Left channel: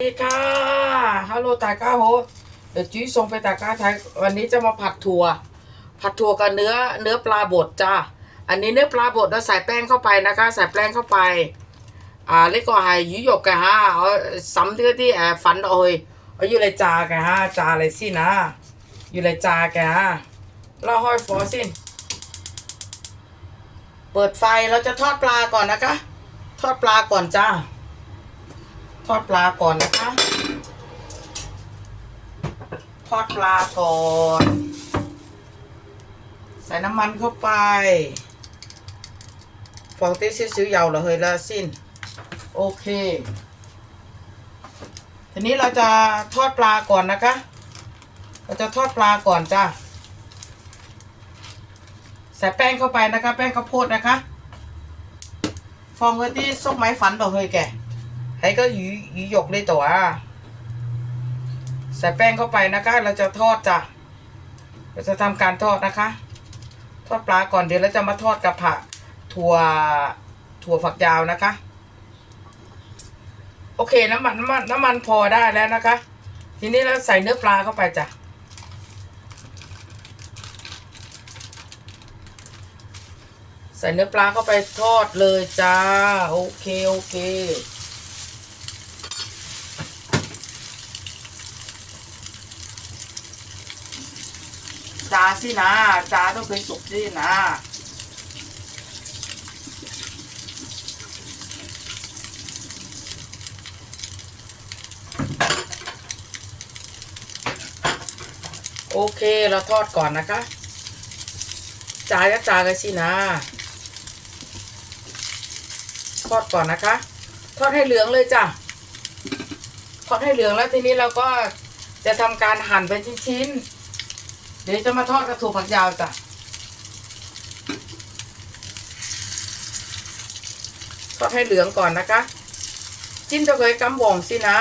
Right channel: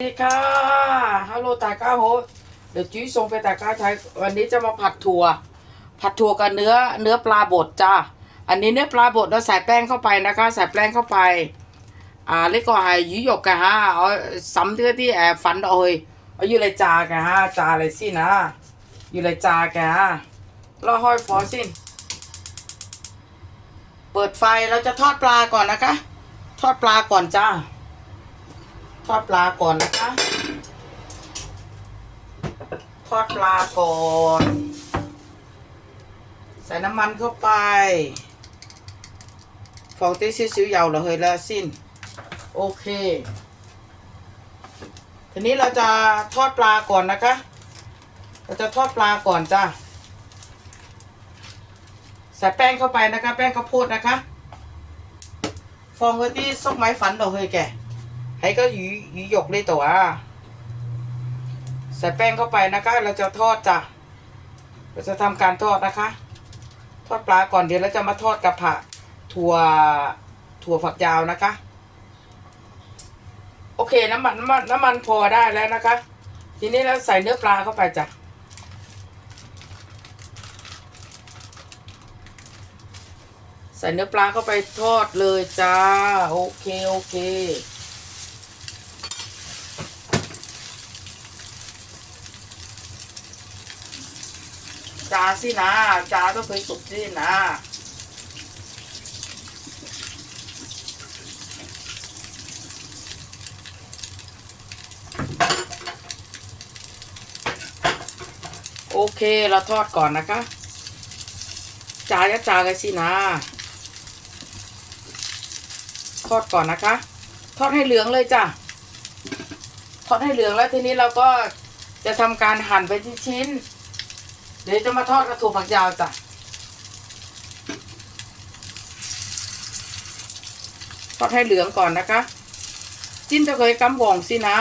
สวัสดีค่ะฮัลโหลตาก้าโฮเดี๋ยวจุ้ยส่งไปตาก้าไทยวันนี้จะมาผัดถั่ว ผัดถั่วกับเนื้อเนื้อปลาบดจ้าอันนี้เนื้อปลาบดเราใส่แป้งเข้าไปนะคะใส่แป้งเข้าไปอ่าแล้วก็ให้ยี่หยกกันฮะเอาซ้ำที่ที่แอบฝันเอาเลยเอาอยู่เลยจากันฮะจาเลยสินะอยู่เลยจากันฮะรอห้อยฟอสิเปิดไฟเราจะทอดปลาก่อนนะคะ ทอดปลาก่อนจ้า ทอดปลาก่อนนะคะ ทอดปลาก่อน ใส่น้ำมันเข้าไปฟองเต้ซิ้วๆยาวเรอเฮยละสิ้น โอเค ทีนี้เราจะทอดปลาก่อนนะคะ เราจะทอดปลาก่อนจ้าใส่แป้งเข้าไปนะคะ แป้งข้าวโพดนะคะ ฟองก็ที่ซกไม้ฝันเรอเฮยแก ให้ก็หยีหยีหยกเลยตัวใส่แป้งเข้าไปนะคะ เราจะทอดจ้ะ เราจะทำการทอดนะคะ ทอดปลาก่อนเดี๋ยวเราจะมาทอดกับผักถั่วถั่วฝักยาวนะคะ โอเคน้ำมันน้ำมันน้ำมันพอได้แล้วนะคะ ทีนี้เราใส่เนื้อปลาเข้าไปจ้ะใส่เนื้อปลาเข้าไปทอดเลยจ้า โอเค โอเค จ้าสินะจ้าต้องเคยสุกสินะโอเค เราทอดก่อนนะคะจ้าจะจ้ากันสินะ ทอดก่อนนะคะ ทอดให้เหลืองเลยจ้ะ ทอดให้เหลืองแล้วทีนี้เราก็จะทำการหั่นเป็นชิ้นๆ ดี๋ยวจะมาทอดกระถั่วฝักยาวจ้ะทอดให้เหลืองก่อนนะคะ จิ้นจะเคยกำบองสินะ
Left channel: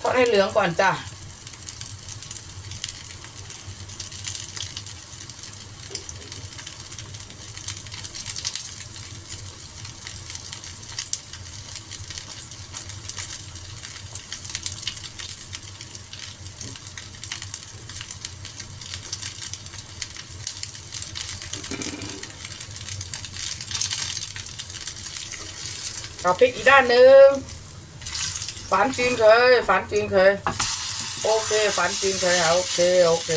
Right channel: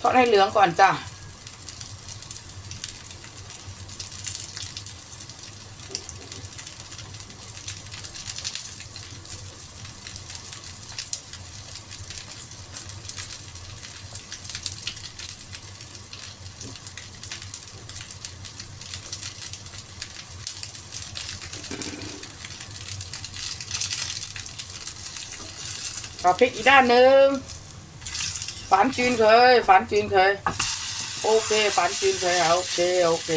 ทอดให้เหลืองก่อนจ้ะ เอาพริกอีกด้านหนึ่งฝันจีนเคยฝันจีนเคย โอเคฝันจีนเคยเอาโอเคโอเค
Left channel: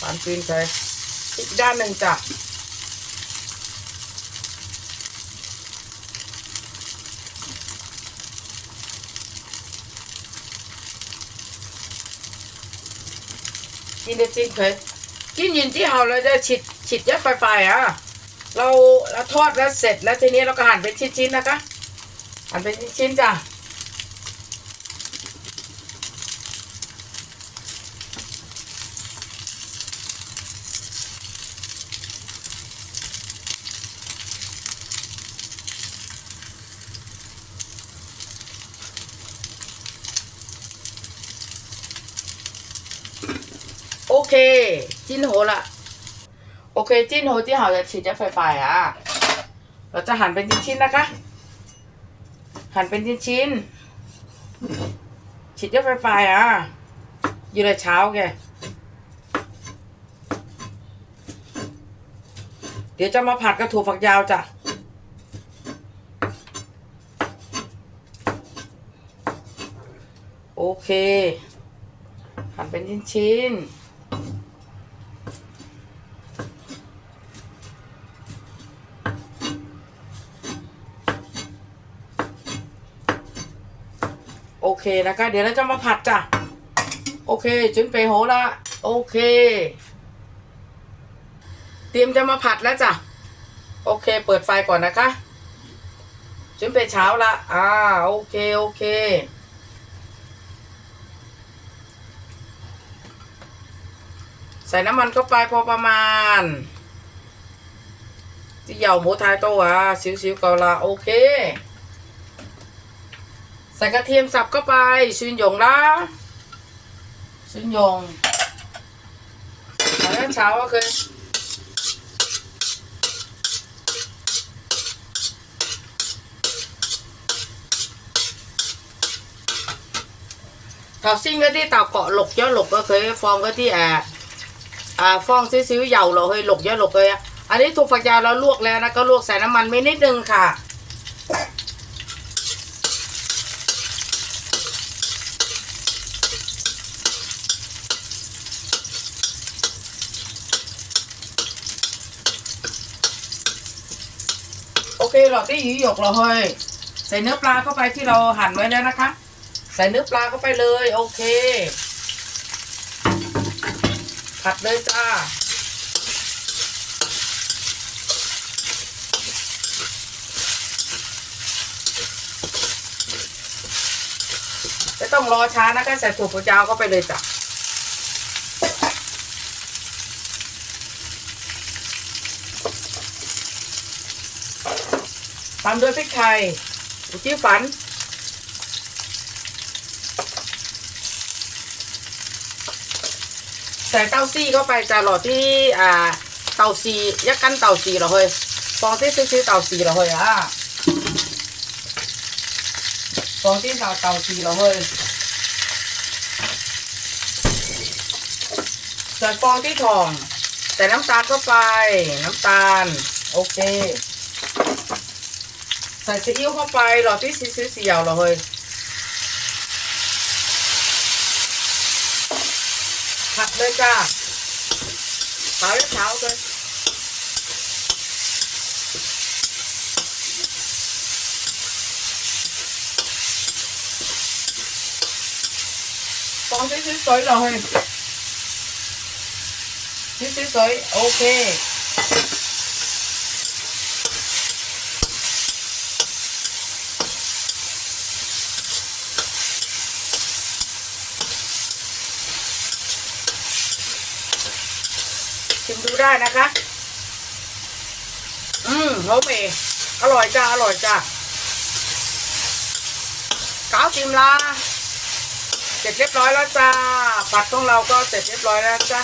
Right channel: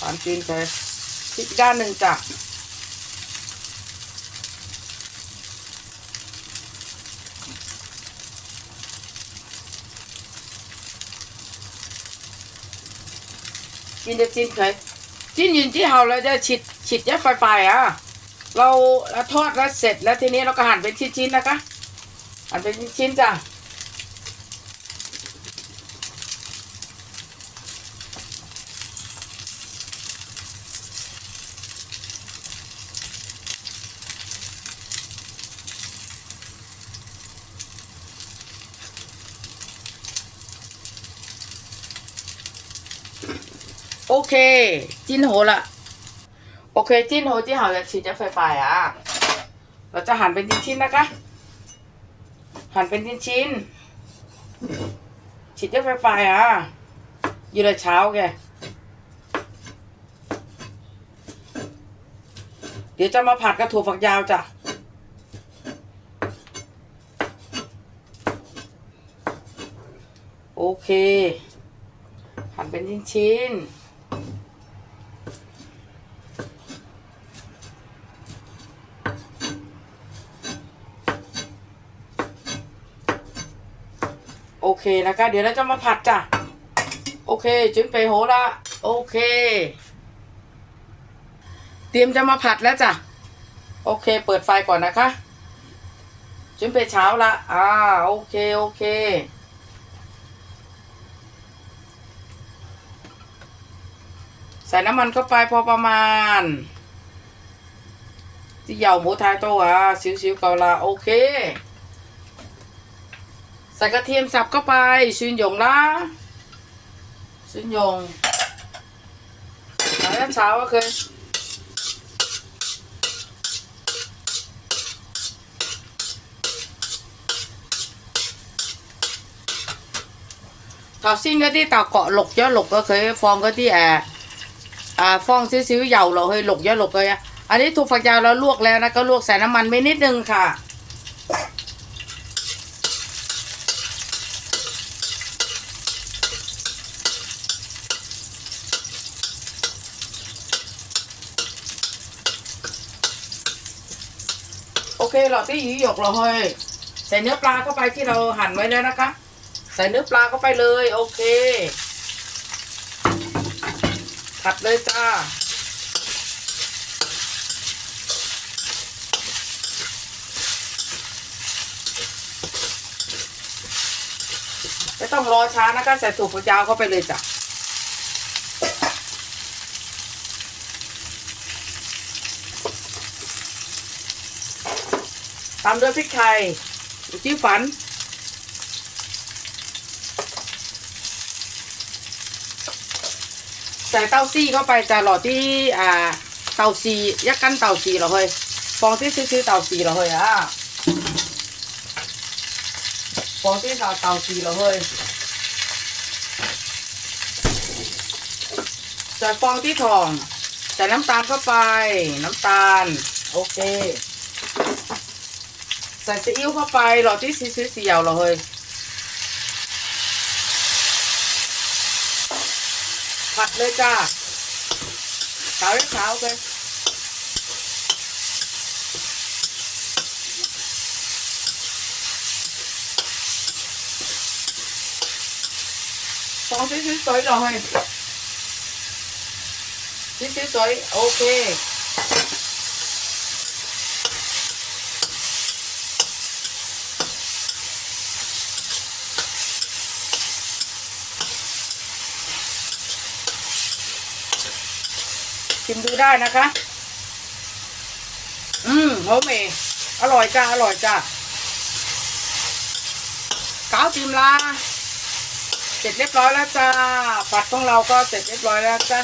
ฝันจีนเคยพริกอีกด้านหนึ่งจ้ะจีนจะจีนเคยจีนยินที่เฮาเลยจะฉีดฉีดยัดไฟไฟอะ เราเราทอดแล้วเสร็จแล้วทีนี้เราก็หั่นเป็นชิ้นๆนะคะหั่นเป็นชิ้นๆจ้ะโอเค จิ้นโหละ โอเคจิ้นโหที่เราจะฉีดจะไฟไฟอะเราจะหั่นเป็นชิ้นๆนะคะ หั่นเป็นชิ้นๆฉีดจะไฟไฟอะอยู่เลยเช้าแกเดี๋ยวจะมาผัดกระถั่วฝักยาวจ้ะโอเคหั่นเป็นชิ้นๆ เคนะคะเดี๋ยวเราจะมาผัดจ้ะ โอเคจุนไปโหละ โอเค เตรียมจะมาผัดแล้วจ้ะ โอเค เปิดไฟก่อนนะคะจุนไปเช้าละอ่าโอเคโอเคใส่น้ำมันเข้าไปพอประมาณที่เหยาหมูไทยโตอะสิวๆก่อนละโอเค ส่กระเทียมสับเข้าไปชื่นยงนะชื่นยงแล้วเช้าโอเคทอซิ่งก็ที่เต่าเกาะหลกย่อหลกก็เคยฟองก็ที่แอบอ่ฟองซิซิวเหยาเราเคยหลกย่อหลกเลยอันนี้ถั่วฝักยาวเราลวกแล้วนะก็ลวกใส่น้ำมันไม่นิดนึงค่ะ โอเคเราที่หยีหยกเราเฮ้ยใส่เนื้อปลาเข้าไปที่เราหั่นไว้แล้วนะคะ ใส่เนื้อปลาเข้าไปเลย โอเคผัดเลยจ้าไม่ต้องรอช้านะคะ ใส่ถั่วฝักยาวเข้าไปเลยจ้ะ ตามด้วยพริกไทยจิ้วฝัน ใส่เต้าซี่เข้าไปจะหล่อที่อ่าเต้าซียักกันเต้าซีเหรอเฮ้ยฟองที่ซื้อเต้าซีเหรอเฮ้ยอะฟองที่เต้าเต้าซีเหรอเฮ้ยใส่ฟองที่ทองใส่น้ำตาลเข้าไปน้ำตาล โอเค ใส่ซีอิ๊วเข้าไปหลอดที่ซีซีเสียวเหรอเฮ้ยผัดเลยจ้าเผาให้เผาไปฟองที่ซีสวยเหรอเฮ้ยที่ซีสวยโอเค ชิม ดูได้นะคะ อืมโฮเมอร่อยจ้า อร่อยจ้าก้าวติมลาเสร็จเรียบร้อยแล้วจ้าปัดของเราก็เสร็จเรียบร้อยแล้วจ้า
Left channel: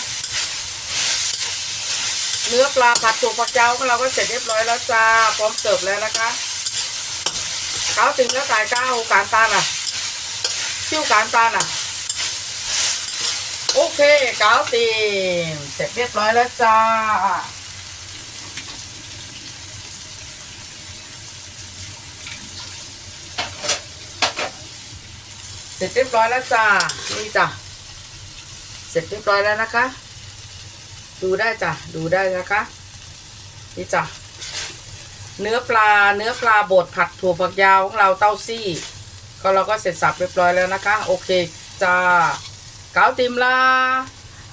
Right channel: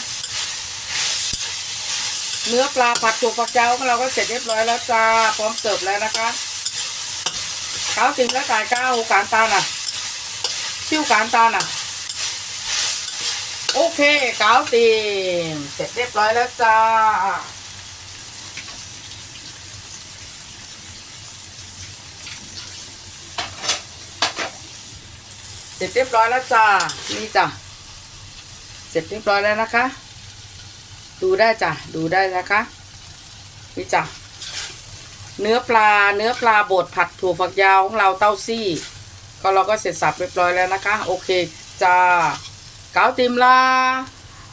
เนื้อปลาผัดถั่วฝักยาวของเราก็เสร็จเรียบร้อยแล้วจ้า พร้อมเสิร์ฟแล้วนะคะก้าวติมแล้วจ่ายก้าวการตาน่ะ ซิ่วการตาน่ะ โอเคกาวตีนเสร็จเรียบร้อยแล้วจ้า เสร็จเรียบร้อยแล้วจ้า นี่จ้ะ เสร็จเรียบร้อยแล้วนะคะ ดูได้จ้ะ ดูได้นะคะ นี่จ้ะ เนื้อปลา เนื้อปลาบดผัดถั่วฝักยาวของเราเต้าซี่ ก็เราก็เสร็จสับเรียบร้อยแล้วนะคะ โอเคจ้า cáo tìm la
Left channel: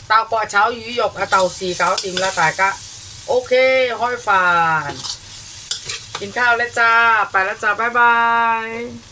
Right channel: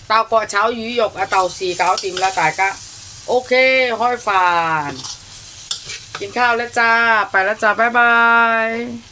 tao có cháo dữ dọc à tàu xì cáo tìm la tại cả ok hoi phàn กินข้าวแล้วจ้า ไปแล้วจ้า บ๊ายบาย